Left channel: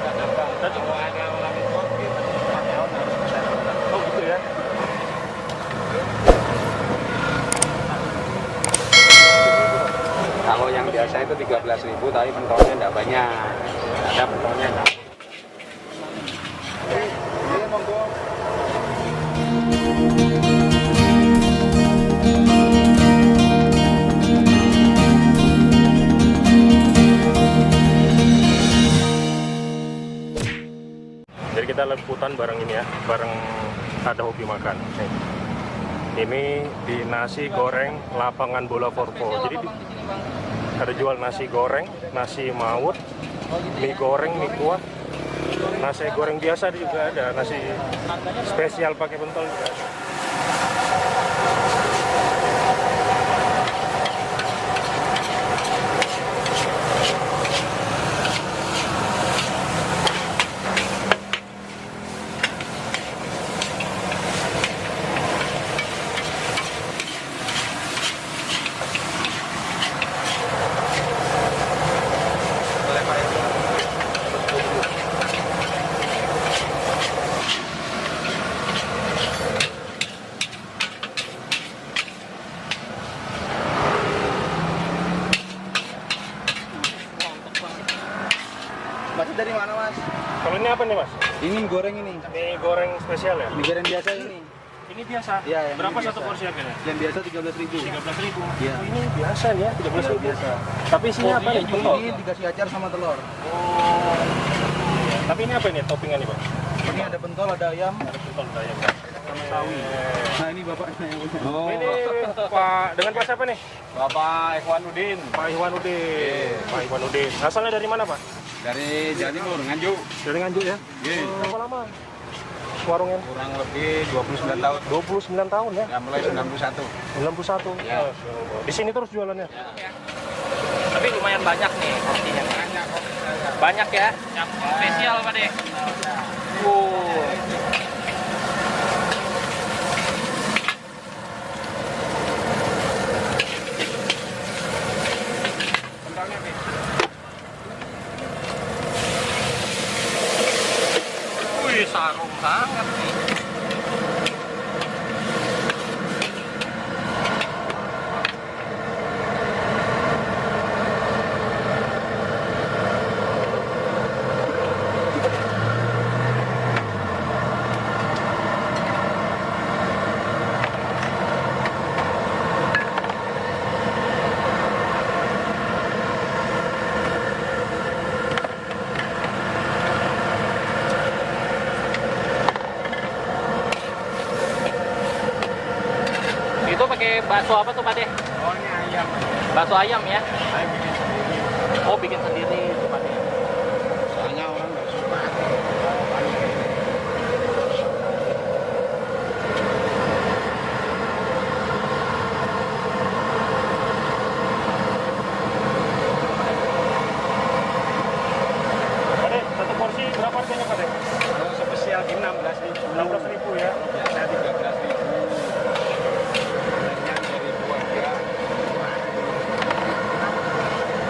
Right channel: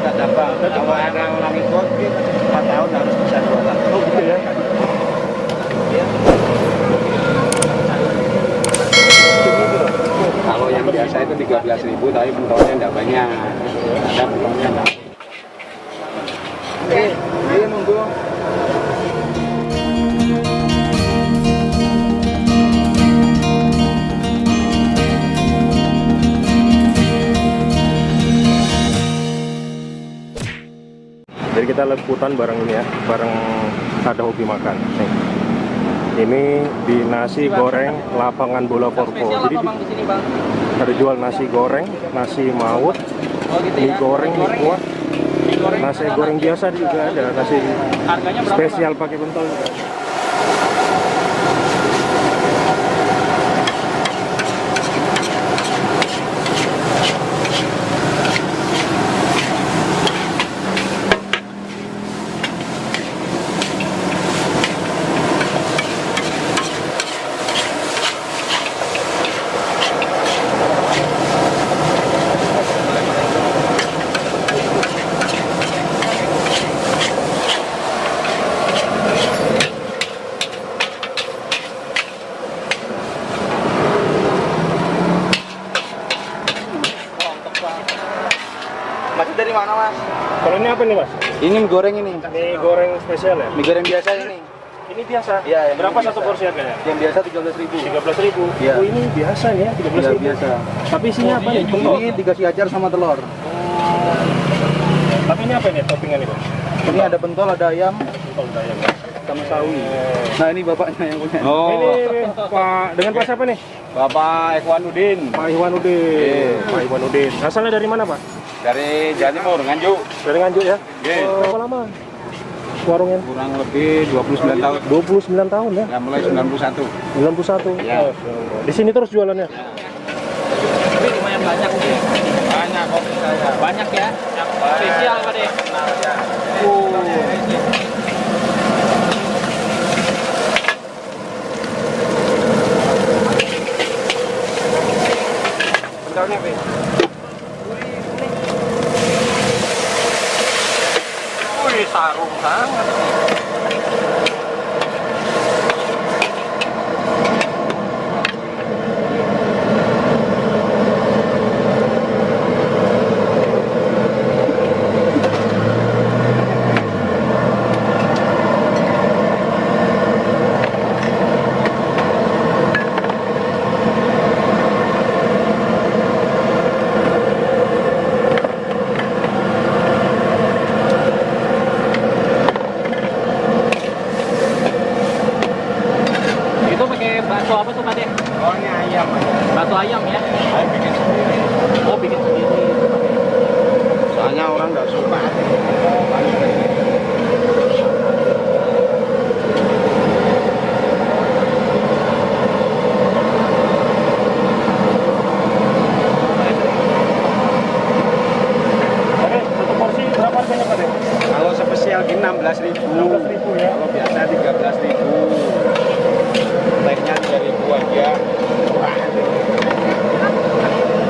buka cabang. Kalau ada orang ikut, 4 tahun harus bisa jualan. Oh gitu ya. Kalau yang biasa itu 13.000, tapi pentolnya enggak banyak. Ada pentolnya enggak. Iya, monggo. Jadi kita liputan bareng ini ya, bareng ada hobi makan. Nih. Ini di nasi goreng lapangan bola Forpo. Jadi ada jual nasi goreng, nasi maut, mie goreng, mie kuah, nasi goreng biasa juga ada, nasi spesial pakai pentol juga ada. Masih dari mana, Mas? Kalau ini apa nih Mas? Ini mie goreng ini. Mie goreng spesial ya? Mie goreng biasa ini. Ini biasa? Iya. Berapa satu porsi harganya? Yang biasa 13.000. 13.000. Iya. Oh ini biasa nih ya, 13.000. Iya, biasa. Tapi isinya apa nih? Pentol. Ini dikasih acar sama telur. Oh. Tapi ini apa nih toppingan nih, Bang? Ini ada pentol, ada ayam, Pentol ada ayam. sama sawi. Nah, ini bapaknya yang punya. Oh. Ini Pak dengan Pak siapa nih? Bapak Ikhwanuddin Pak Ikhwanuddin. Pak Ikhwanuddin. Asalnya dari mana, Pak? dari Jawa Timur, Nganjuk. Dari Nganjuk ya? Iya. Berapa lama warungnya? Kurang lebih 29 tahun. 29 tahun ya? Ya, mulai 91. 91? Ya. Masya Allah. Di sini terus jualannya? Tapi lumayan banyak mungkin. Banyak kopi saya. Banyak ya? Spesial tadi. Bentarnya, Pi. Wih, sarung kan? Itu pakai bakso apa tuh Pak? Oh, ini ayam. Bakso ayam ya? Saya bikin sendiri. Oh, bikin sendiri. Soalnya orang nggak suka. Pak, satu porsi berapa harganya, Pak? Kalau spesial gini 16.000. 16.000 ya? Kalau biasa 13.000. Lainnya 3.000 aja. Murah.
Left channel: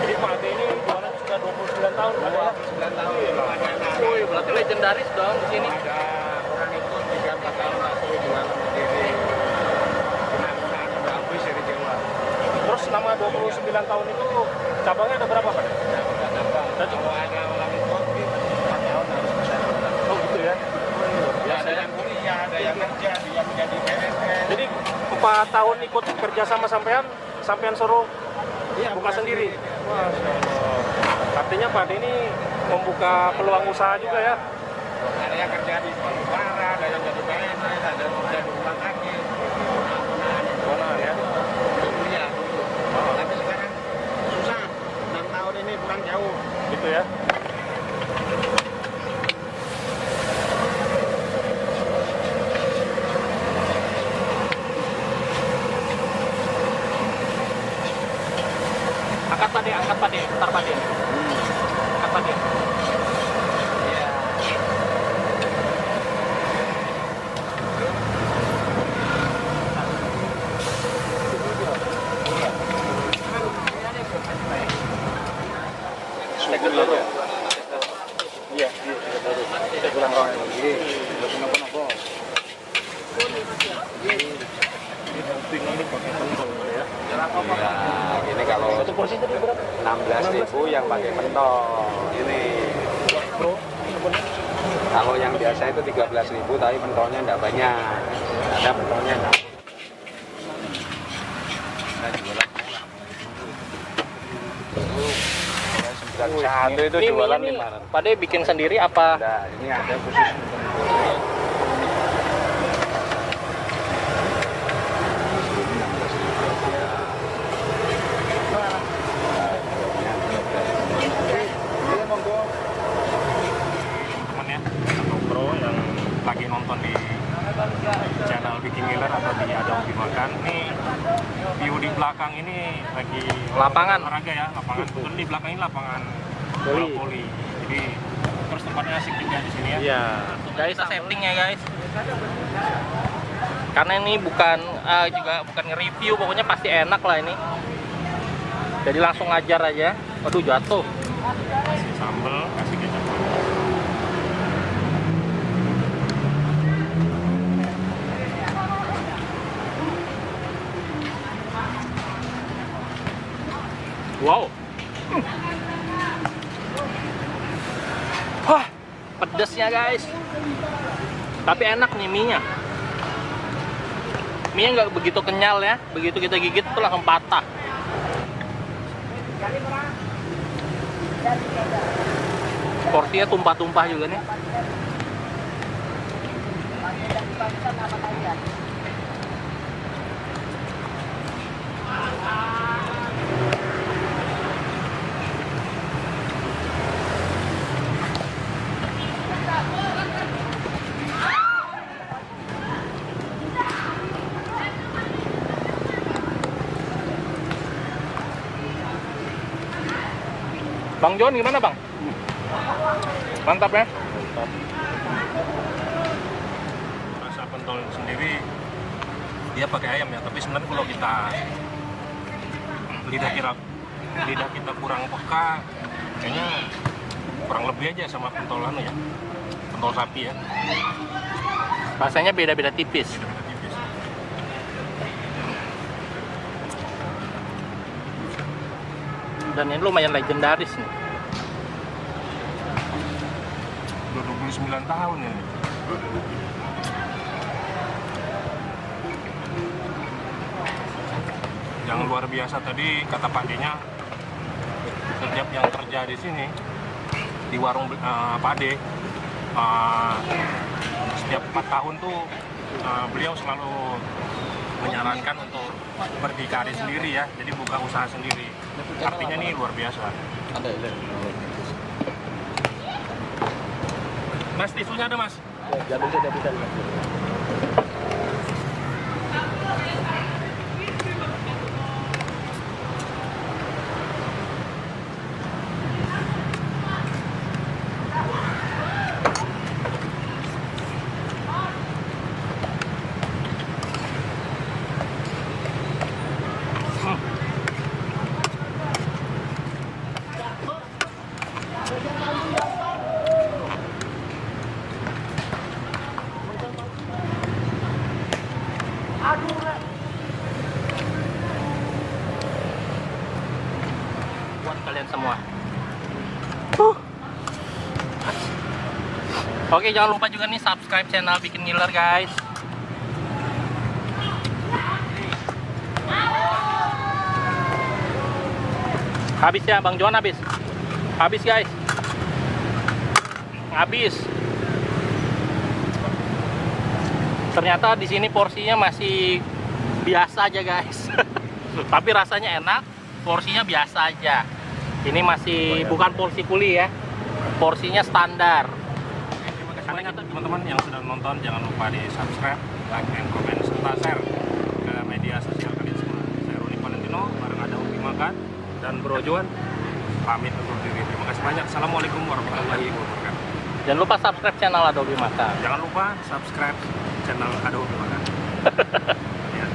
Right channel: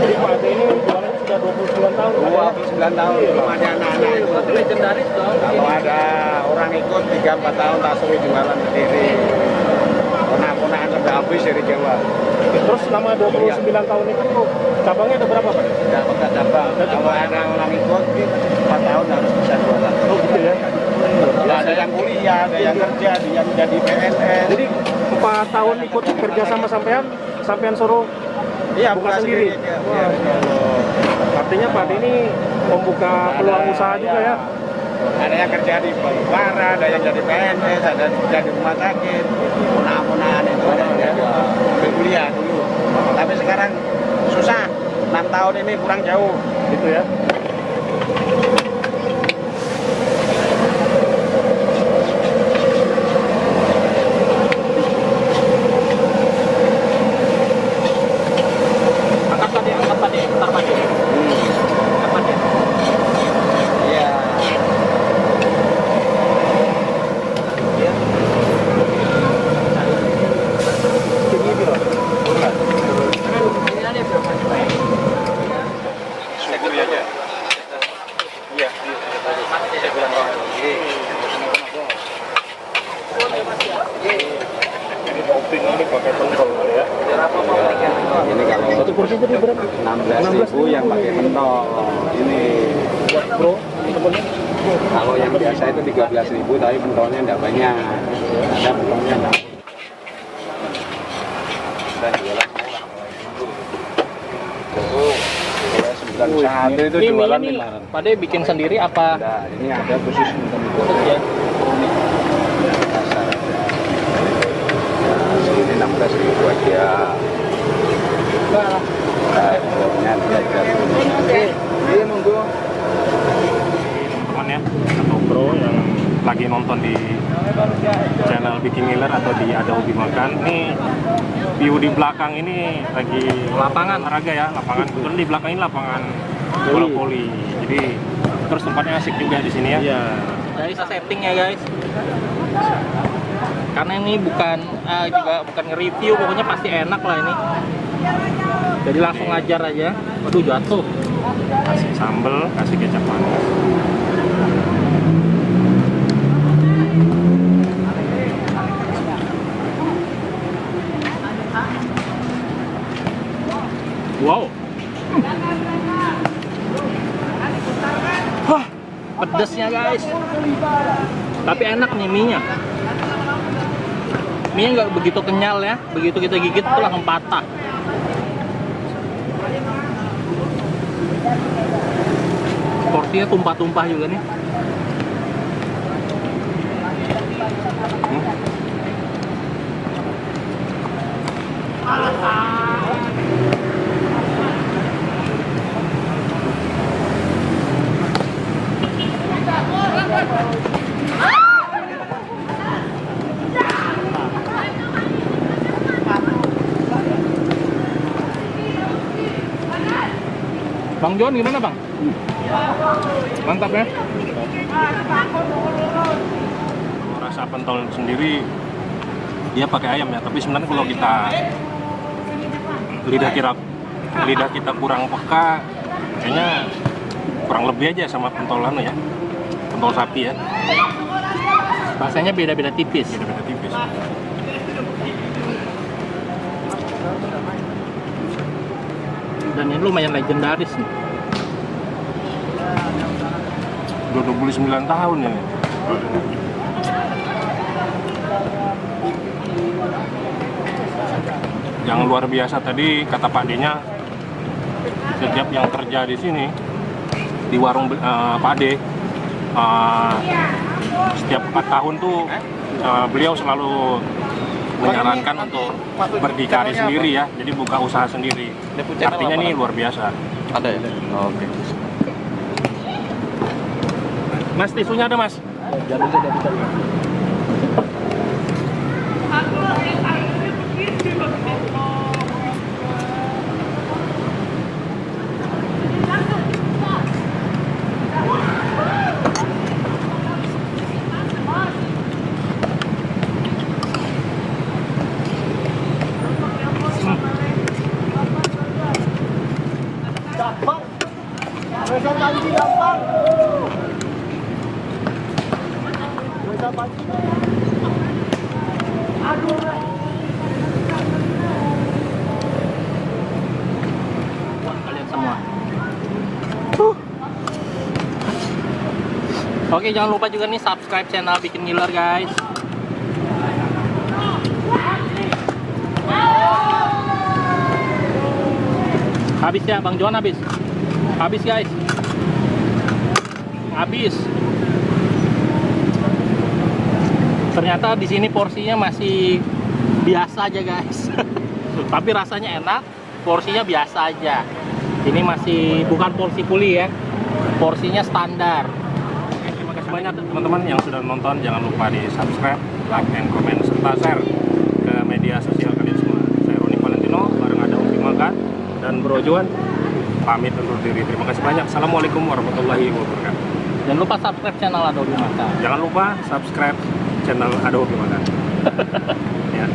Jadi Pak Ade ini jualannya sudah 29 tahun. 29 tahun. Belum ada anak-anak itu. Legendaris dong. Kalau ada orang ikut 3-4 tahun tak suruh jualan sendiri. Ponak-ponakan sampai habis dari Jawa. Terus selama 29 tahun itu cabangnya ada berapa, Pak? Tidak buka cabang. Kalau ada orang ikut 4 tahun harus bisa jualan. Oh gitu ya? Ya, ada yang kuliah, ada yang kerja, ada yang jadi PNS. Jadi 4 tahun ikut kerja sama sampean suruh iya, buka sendiri? Ya. Wah, Masya Allah. Artinya Pak Ade ini membuka peluang usaha juga ya? Ada yang kerja di Bangkara, ada yang jadi PNS, ada yang kerja di rumah sakit, ponak-ponakan itu ada yang jadi kuliah dulu. Tapi sekarang susah, 6 tahun ini kurang jauh. Gitu ya? Angkat Pak, ntar Pak. Iya. Cek dulu aja. ya. Ini topping ini pakai pentol kali ya. Ini kalau Satu porsi tadi berapa? 16.000 yang pakai mentol. Ini Buat pro temennya. kalau yang biasa itu 13.000 tapi mentolnya enggak banyak. Ada mentolnya enggak. Dan jualan satu itu Ini jualan mie ini 500. Pak De bikin sendiri apa? Nah, ini ada khusus untuk Khusus ya? ini 16.000 aja. Nah, buatnya 13.000. Iya, monggo. Teman-teman ya, atau pro yang lagi nonton di channel Bikin Ngiler atau di Ada Hobi Makan. Nih view di belakang ini lagi lapangan olahraga ya, lapangan. Kebetulan di belakang ini lapangan bola voli. Jadi terus tempatnya asik juga di sini ya. Iya. Guys, setting ya guys. Karena ini bukan juga bukan nge-review, pokoknya pasti enak lah ini. Jadi langsung ajar aja. Aduh jatuh. Kasih sambal, kasih kecap manis. Wow. Wah, pedesnya guys. Tapi enak nih mie-nya. Mie nggak begitu kenyal ya. Begitu kita gigit tuh langsung patah. Porsinya tumpah-tumpah juga nih. Bang Jon gimana bang? Mantap ya? Rasa pentol sendiri dia pakai ayam ya, tapi sebenarnya kalau kita lidah kita kurang peka, kayaknya kurang lebih aja sama pentol ya, pentol sapi ya, Rasanya beda-beda tipis. beda-beda tipis. Dan ini lumayan legendaris nih. Udah 29 tahun ya. Yang luar biasa tadi kata Pak D-nya, setiap yang kerja di sini di warung Pak D, setiap 4 tahun tuh beliau selalu menyarankan untuk berdikari sendiri ya, jadi buka usaha sendiri. Artinya ini luar biasa. Ada ya? Oke. Mas, tisunya ada mas? Kalian semua. Oke, jangan lupa juga nih subscribe channel Bikin Ngiler guys. Habis ya Bang Johan, habis. Habis guys. Habis. Ternyata di sini porsinya masih biasa aja guys. Tapi rasanya enak, porsinya biasa aja. Ini masih bukan porsi kuli ya. Porsinya standar. Terima kasih banyak teman-teman yang sudah nonton. Jangan lupa di subscribe, like, and comment, serta share ke media sosial kalian semua. Saya Roni Valentino, bareng Ada Hobi Makan dan Bro Johan. Pamit undur diri. Terima kasih banyak. Assalamualaikum warahmatullahi wabarakatuh. Jangan lupa subscribe channel Ada Hobi Makan. Jangan lupa subscribe channel Ada Hobi Makan. Ya.